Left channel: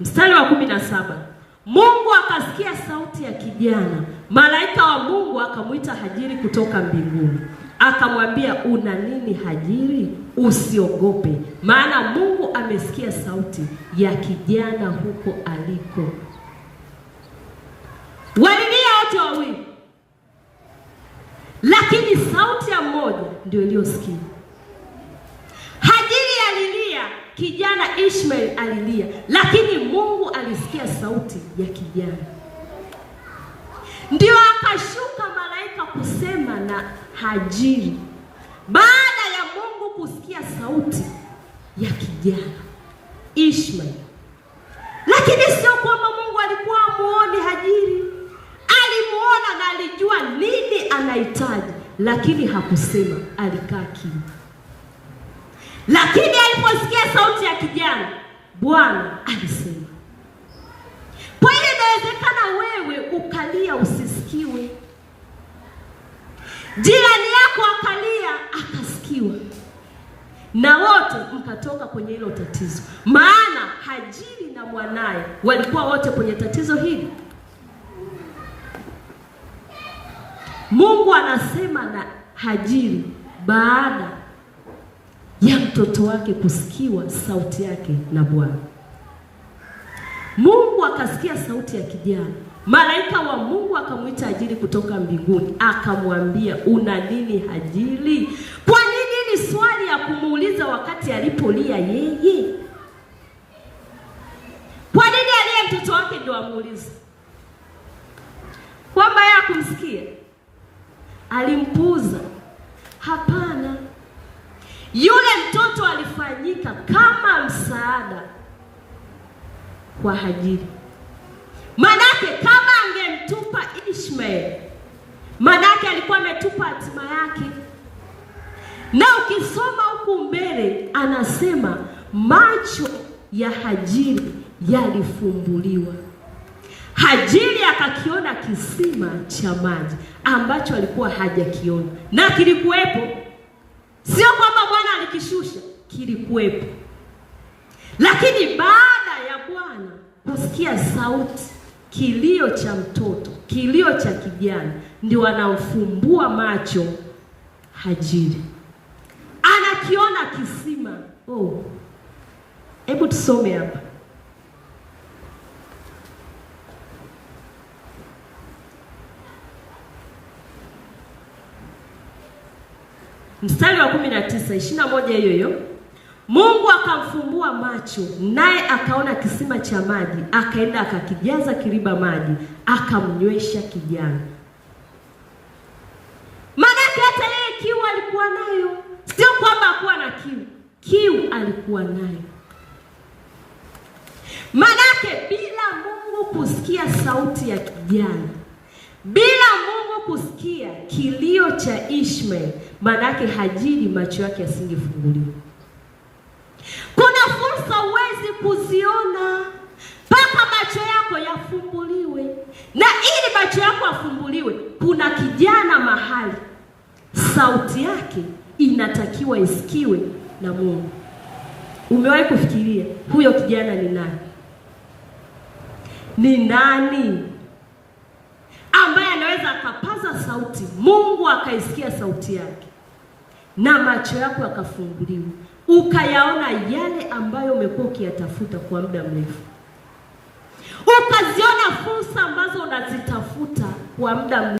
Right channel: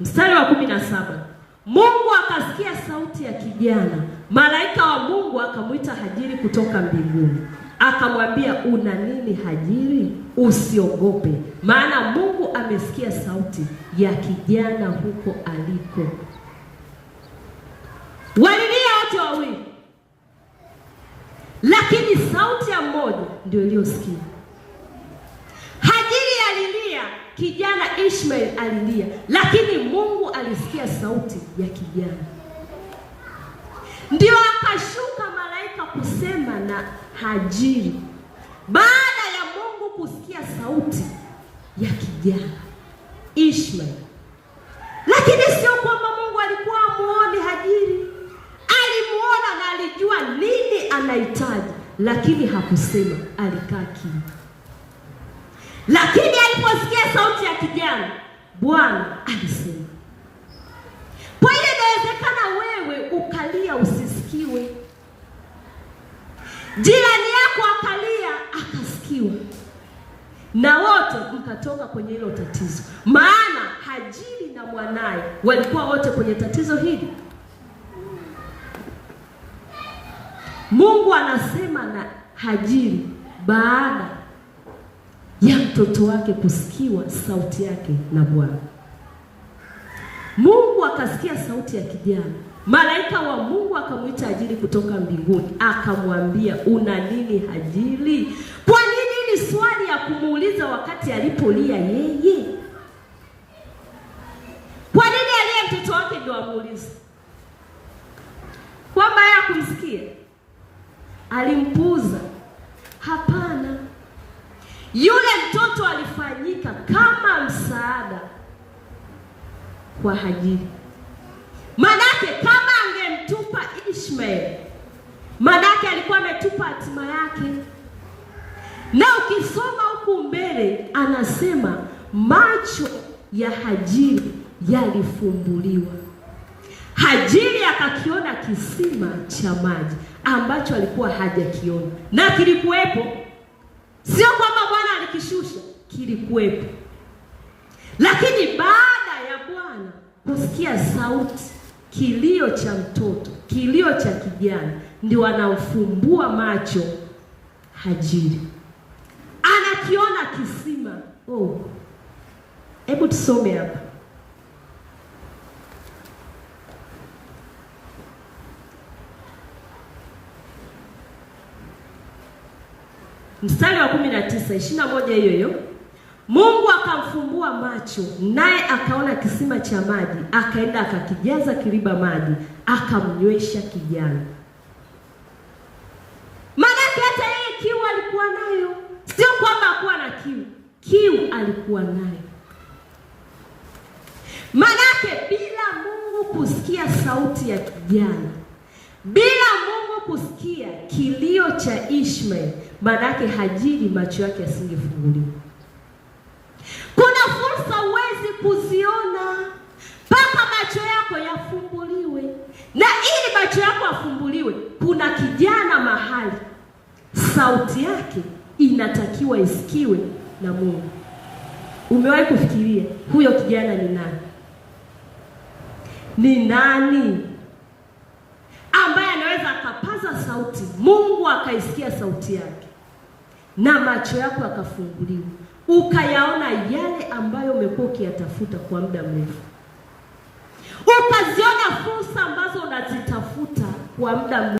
Mstari wa 17. Mungu akasikia sauti ya kijana. Malaika wa Mungu akamwita Hajiri kutoka mbinguni. Akamwambia, una nini Hajiri? Usiogope, maana Mungu amesikia sauti ya kijana huko aliko. Walilia wote wawili, lakini sauti ya mmoja ndio iliyosikia. Hajiri alilia, kijana Ishmael alilia, lakini Mungu alisikia sauti ya kijana. Ndio akashuka malaika kusema na Hajiri baada ya Mungu kusikia sauti ya kijana Ishmael. Lakini sio kwamba Mungu alikuwa amuone Hajiri. Alimuona na alijua nini anahitaji, lakini hakusema, alikaa kimya. Lakini aliposikia sauti ya kijana, Bwana alisema. Kwa hiyo inawezekana wewe ukalia usisikiwe. Jirani yako akalia akasikiwa, na wote mkatoka kwenye hilo tatizo. Maana Hajiri na mwanaye walikuwa wote kwenye tatizo hili. Mungu anasema na Hajiri baada ya mtoto wake kusikiwa sauti yake na Bwana. Mungu akasikia sauti ya kijana. Malaika wa Mungu akamwita Hajiri kutoka mbinguni, akamwambia, una nini Hajiri? Kwa nini ni swali ya kumuuliza wakati alipolia yeye? Kwa nini alia mtoto wake ndio amuulize? Kwamba yeye hakumsikia, alimpuuza? Hapana. Yule mtoto alifanyika kama msaada kwa Hajiri. Manake kama angemtupa Ishmael, manake alikuwa ametupa hatima yake. Na ukisoma huku mbele anasema macho ya Hajiri yalifumbuliwa. Hajiri akakiona kisima cha maji ambacho alikuwa hajakiona, na kilikuwepo. Sio kwamba Bwana alikishusha, kilikuwepo. Lakini baada ya Bwana kusikia sauti, kilio cha mtoto, kilio cha kijana, ndio anamfumbua macho Hajiri. Anakiona kisima. Hebu tusome hapa. Mstari wa 19, 21 hiyo hiyo. Mungu akamfumbua macho, naye akaona kisima cha maji, akaenda akakijaza kiriba maji, akamnywesha kijana. Maanake hata yeye kiu alikuwa nayo. Sio kwamba hakuwa na kiu. Kiu alikuwa nayo. Maanake bila Mungu kusikia sauti ya kijana, bila Mungu kusikia kilio cha Ishmael, maanake Hajiri macho yake yasingefunguliwa. Kuna fursa huwezi kuziona mpaka macho yako yafumbuliwe. Na ili macho yako yafumbuliwe, kuna kijana mahali sauti yake inatakiwa isikiwe na Mungu. Umewahi kufikiria huyo kijana ni nani? Ni nani ambaye anaweza akapaza sauti, Mungu akaisikia sauti yake, na macho yako yakafunguliwa, ukayaona yale ambayo umekuwa ukiyatafuta kwa muda mrefu, ukaziona fursa ambazo unazitafuta kwa muda mrefu?